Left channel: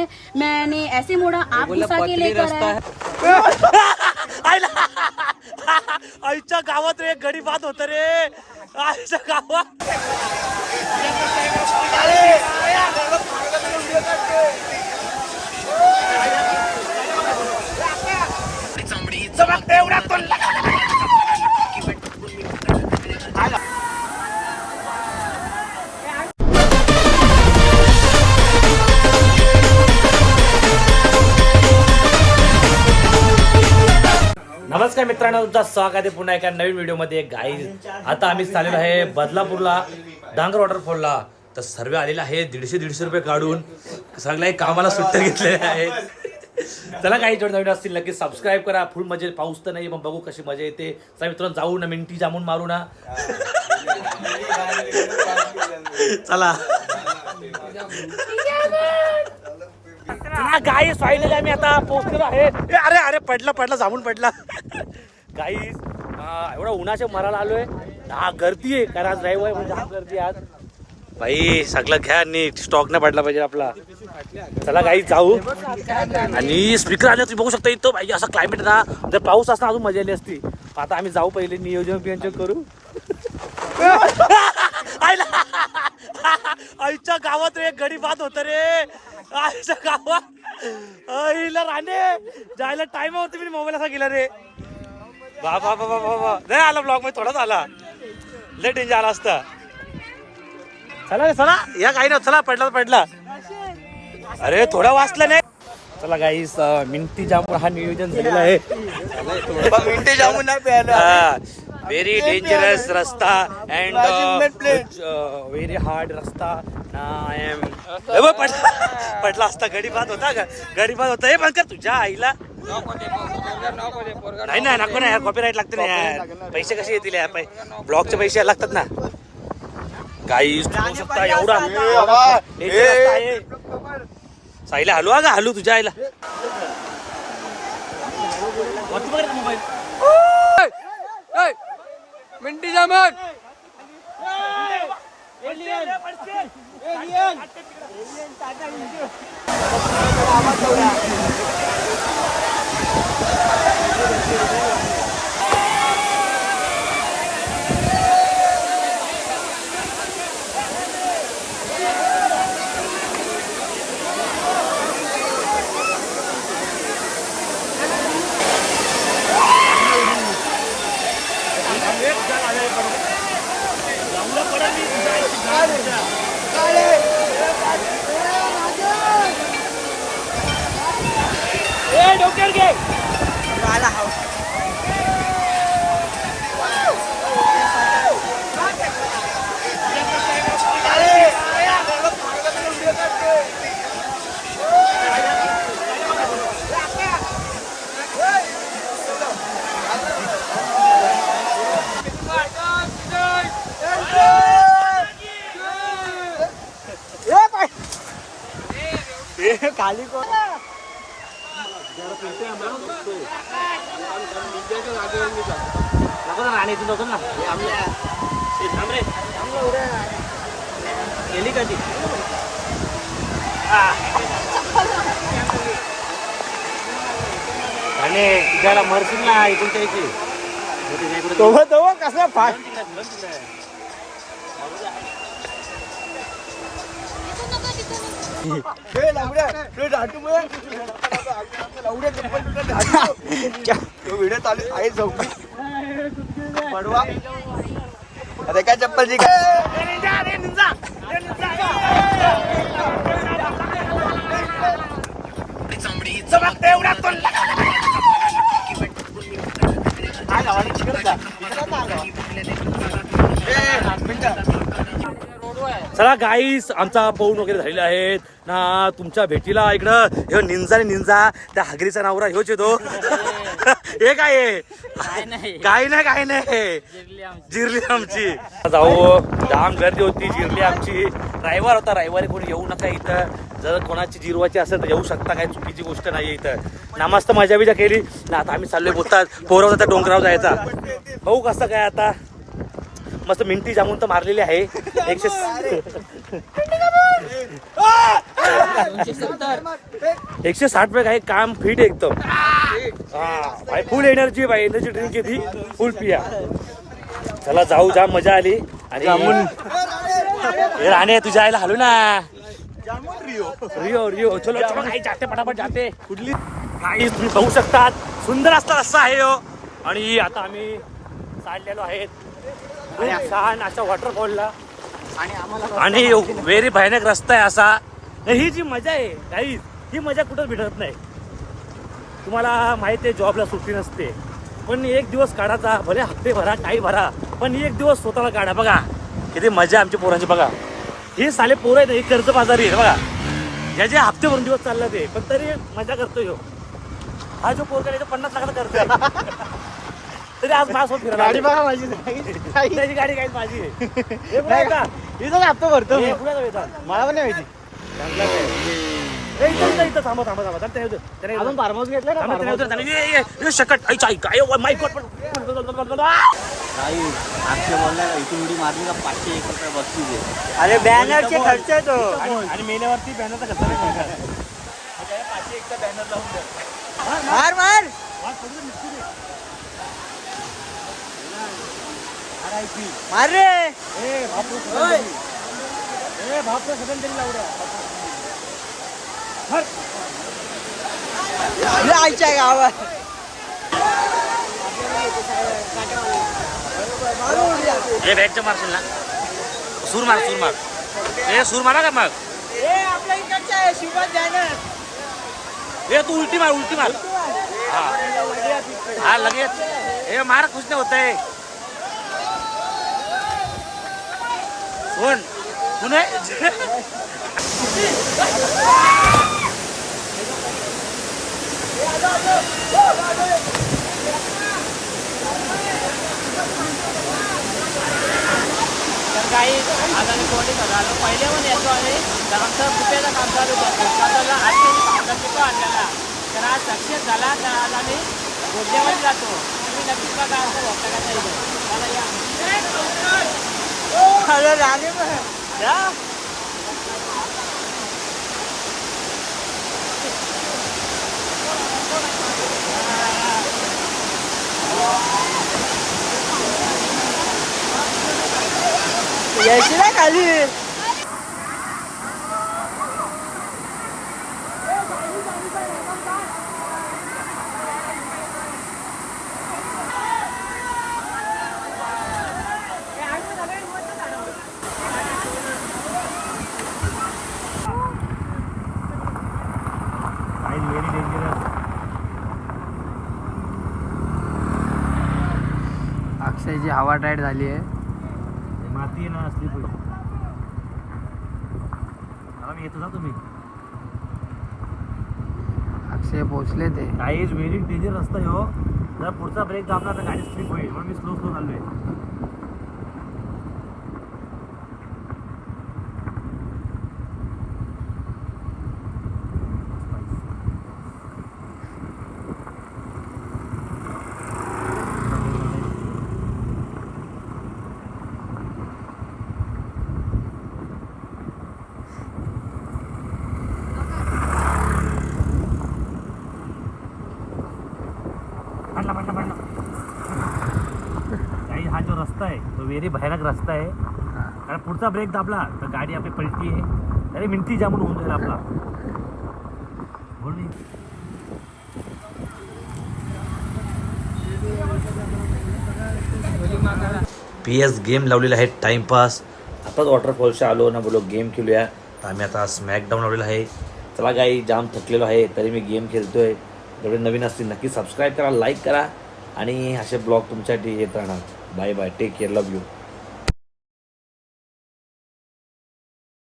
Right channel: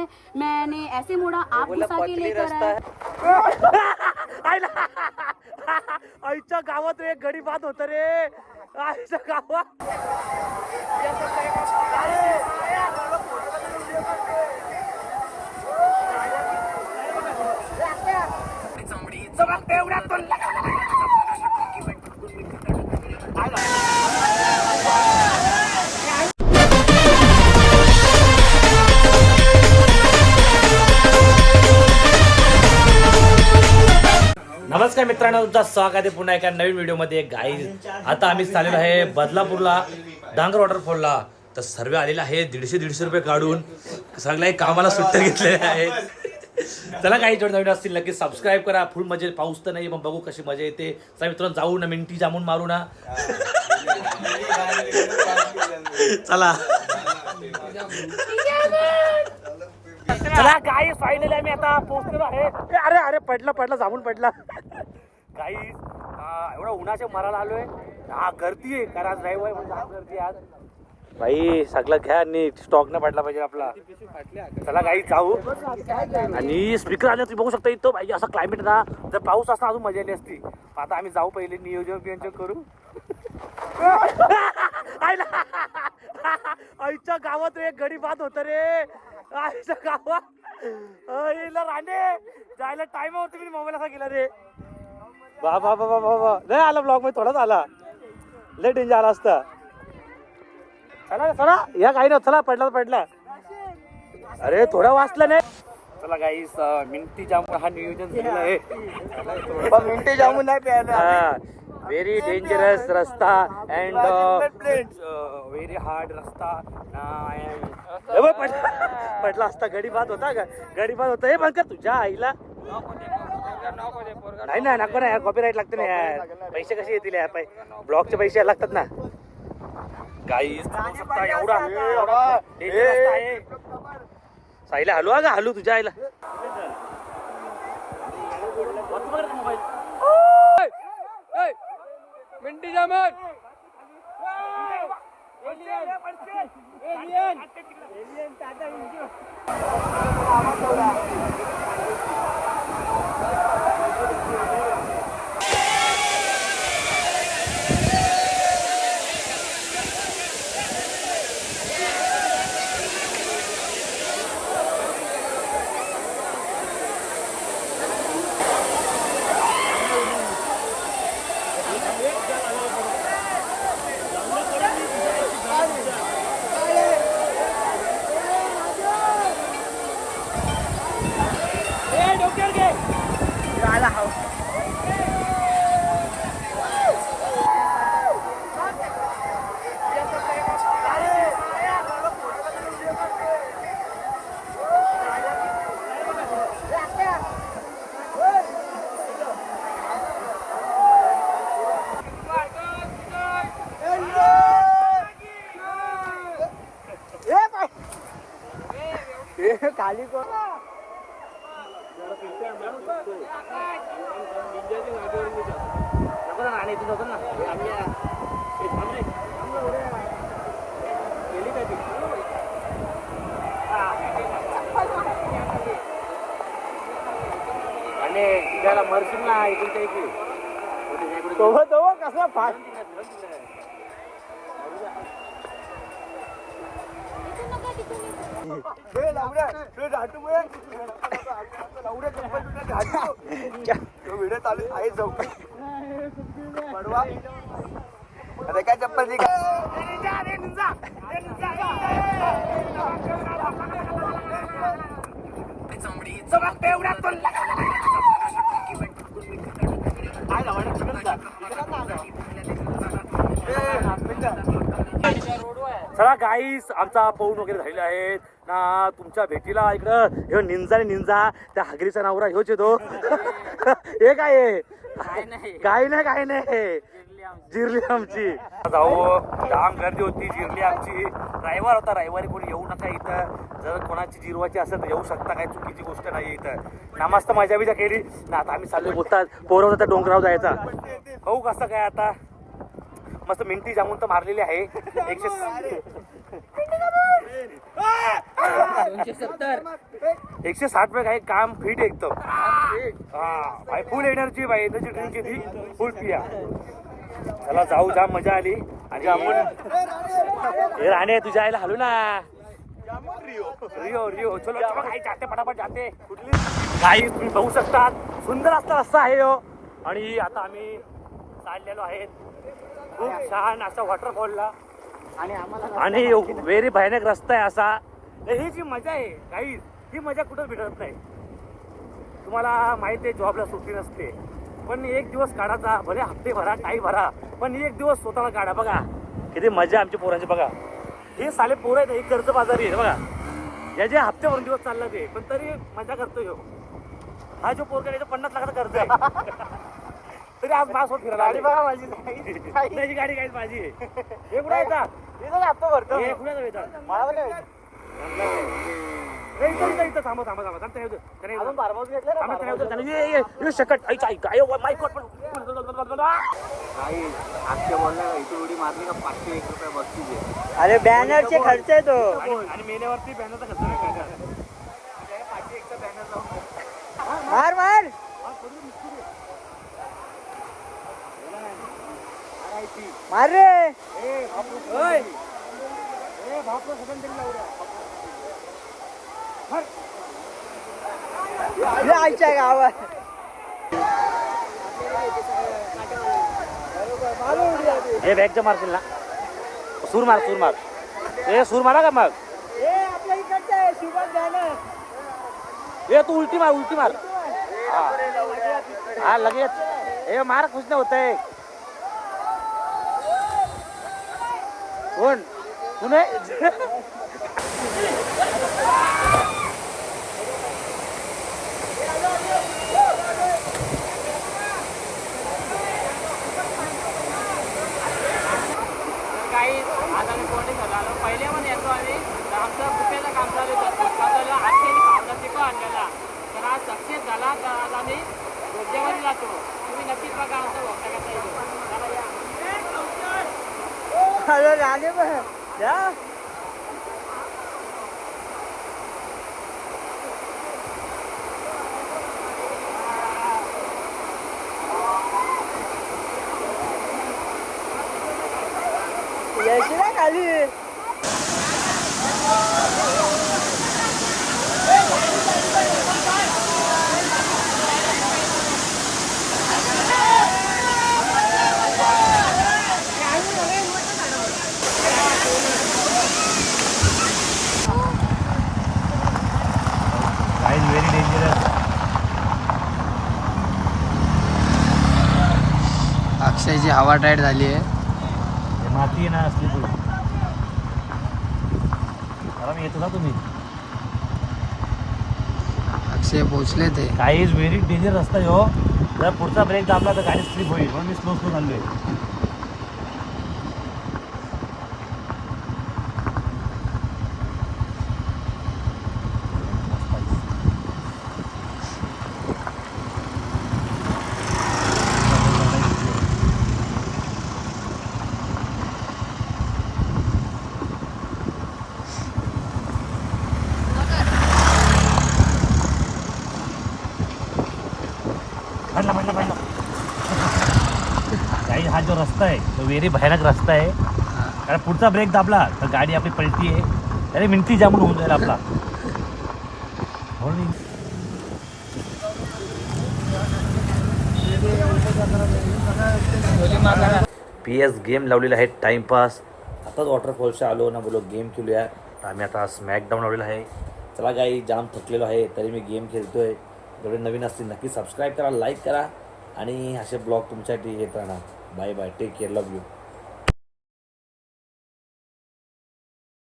है, मैंने ऐसे मोड़ा, आप घुसा के लेकर आए। आईच्या गावात रे गडी बात होत रे आईच्या गावात नमस्कार मित्रांनो, तुमचं स्वागत आहे पुन्हा एका नवीन व्हिडिओमध्ये. गाईज आता आम्ही चाललेलो आहे बदलापूरला डांगर वॉटरफॉलला. तर सर्व आलेला आहे 150 रुपये काढून. सगळे कामाला सुट्ट्या घेतलेल्या आहेत. चला काही जोड नवीन असतील नक्की सबस्क्राईब करा. फुल मजा, पाऊस तर नाही पण बघू कशी मजा येते. चला मित्रांनो जाऊ ना, मिंटी जामून मारू ना. चला चला गाईस, फायनली आम्ही आता पोहोचलेलो आहे. अरे अरे पडला जामून पडला. गाईस एवढा उन्हाच्या मराला आलोय. हा गर्दी आहे कारण आज रविवार म्हणजे हा गर्दी आज. भाई सगळं घ्या नीट, स्टॉक नाही पडला पाहिजे आपला. चला गाईस जाऊ. आणि स्पीकर आले तुम्ही बघू शकता इथं. भाई असं क्लायमेट ना, जर पाऊस असता अजून मजा आली असती. आता आम्ही जाऊ, पहिले नियोजन करू. आईच्या गावात रे गडी बात होत रे आईच्या गावात. आईला राणे जायला टाइम होता, मी मोबाईल असा गेला रे. बाबा बाबा बाबा नाही आला ब्लॉग मध्ये, थोडाच आला. लय डेंजर आला असता. चला रे चला, या काही ना, चला पडला. अरे थोडा वाचला नाही. चला गाईस, मिंटी जामून हा नियोजन झालेला आहे. मिंटी जामून ना प्यायला. व्हेरी डेंजरस रस्ता अँड व्हेरी हार्ड रस्ता. पडला असता, गडी बात होता का? गडी बात होता. हे बंद कर तुझ्या आईला. नाही ना, नको ना यार, कॉपीराईट लागते ना यार. पैसे कसे येतील यार, ब्लॉगचे पैसे लागतात ना. गाईस बघू शकता एवढा साईला हलू का, हलू तुझ्या आईला. मिंटी जामून डोक्यावर घे. खाली कोण राणे तू नको ना. गेली का ती? आणि तुझ्याला मरशील ना इथून त्याची कसा फाट. व्हिडिओ चालू आहे चौकी पडवा. अरे काय चप्पल जी चला गाईस, आमचा पाऊण वगैरे झालेला आहेत ना. तुमच्या भेटीला इकडं ह्यो निंजा त्या हागरीचा नवरा ह्योच येतो. हे काय आहे? काय नाही जिरली आमची. जाऊ, जाम गर्दी होती, जिरली आमची. रविवार होता, रविवारी कोणी येऊ नका इथं. जर कोणाची जिरवायची असेल तर येऊ शकता, काही चुकीची गोष्ट नाही इथं ना. मस्त मजा बिजा केली ना. आता आम्ही चाललोय बोलतात पोरं त्या डोंगरावर जायचा. भाऊ कसं काय आता मस्त मिंटी जामून तर मारलेली आहे. 160 पे काही काम फिट एकदम भाई फुल एनर्जी भाई एनर्जी ड्रिंक ती फुल पिया चला जाऊ जाम मजा आली आणि हे राणे तुझ्या आईला हलू ना रिओ रिओ चलो चलो काही जाते पटापट जाते कुठली काही तुम्ही बघू शकतात सुंदर असता रस्ता आहे हो आणि आता आम्ही चाललेलो आहेत खूप छान अशा वॉटरफॉलला आणि व्हेरी भयानक रस्ता आहे असा ही जी मजा आहे काही ही मजा कुठंच भेटत नाही तुम्हाला माहिती आहे जॉबला सुट्टी नसते पण एक दिवस काढायचा भले हप्ते भरा काही भरा पण एक दिवस स्वतःला काढा बघा किती मजा आमच्या पोरांची बघा हे साले पोरं आहेत हे कर्ज बाजारी आहे बघा ज्याचे हप्ते भरून दिवस चालला ते पण तरी मजा करतोय हा जो पोर करायचा 50 लाखाचा करतोय तरी आज माझ्यासोबत फिरायला त्याची गाडी काही माझी आहे हप्ता भरतो कुणाचा वेता मला पण नाही माहिती चांगला काय इथं थांबा थांबा थांबा त्याने अजून फार्महाऊस घेतलं शकट काय माय गॉड अक्षय बोलणार इथून उडी मारली का 501 रुपये बक्षीस अरे बॅनरचे खर्च आहे तो आणि मेल्यावरती बॅनरचा खर्च नाही मार मार मार रे बापरे सगळं तरी लावल्या आईच्या गावात बॅगच्या मारशील ना सूर मार ए सूर मारा का मग आपल्या इकडचा आहे शिवाज जाणार ए तू उलटी मार हा लगेच ए मार खुश नाही होत आहे पुणे काही आता मी कोणी झालो पहिले पण येतो आणि आमचा रुपयाचा काम चालू होता उत्पादनाला 8 पिको आणलेला तर आज सक्सेस झाला तर आज आम्ही गोड्यामध्ये जातो तुम्ही नक्कीच बघा आमचा भक्ताचा इथे मला या अरे राणे पण यायची ना खाली व्हेरी डेंजरस अक्षयची हवा टाईट झाली आहे माती आहे ना असली आराम येतो ना तुम्ही अक्षय पोचले ते काही व्हेरी डेंजर रस्ता आहे हो जर पुढचा ब्रेक दाबला तर गाडी स्लिप होईल म्हणून मी स्लो चाललोय पडला काही हा जो रस्ता आहे तो व्हेरी भयानक रस्ता आहे कारण पुढचा ब्रेक दाबला तर गाडी आपली पलटी आहे अरे मिनटी जामून होऊन जाईल आपला PS गेम लावलेला आहे टाइमपास आताच वॉटरफॉलच्या आलो ना बोलो गेम खेळूया तर आम्ही आता स्मॅकडाऊन लावलेला आहे चला काही जाम थकलेलो आहे तरी मी गेम खेळतोय जेवढे नवीन असतील नक्की सबस्क्राईब करा लाईक करा आणि असे ब्लॉग तुमच्यासाठी येत राहणार bye bye take care love you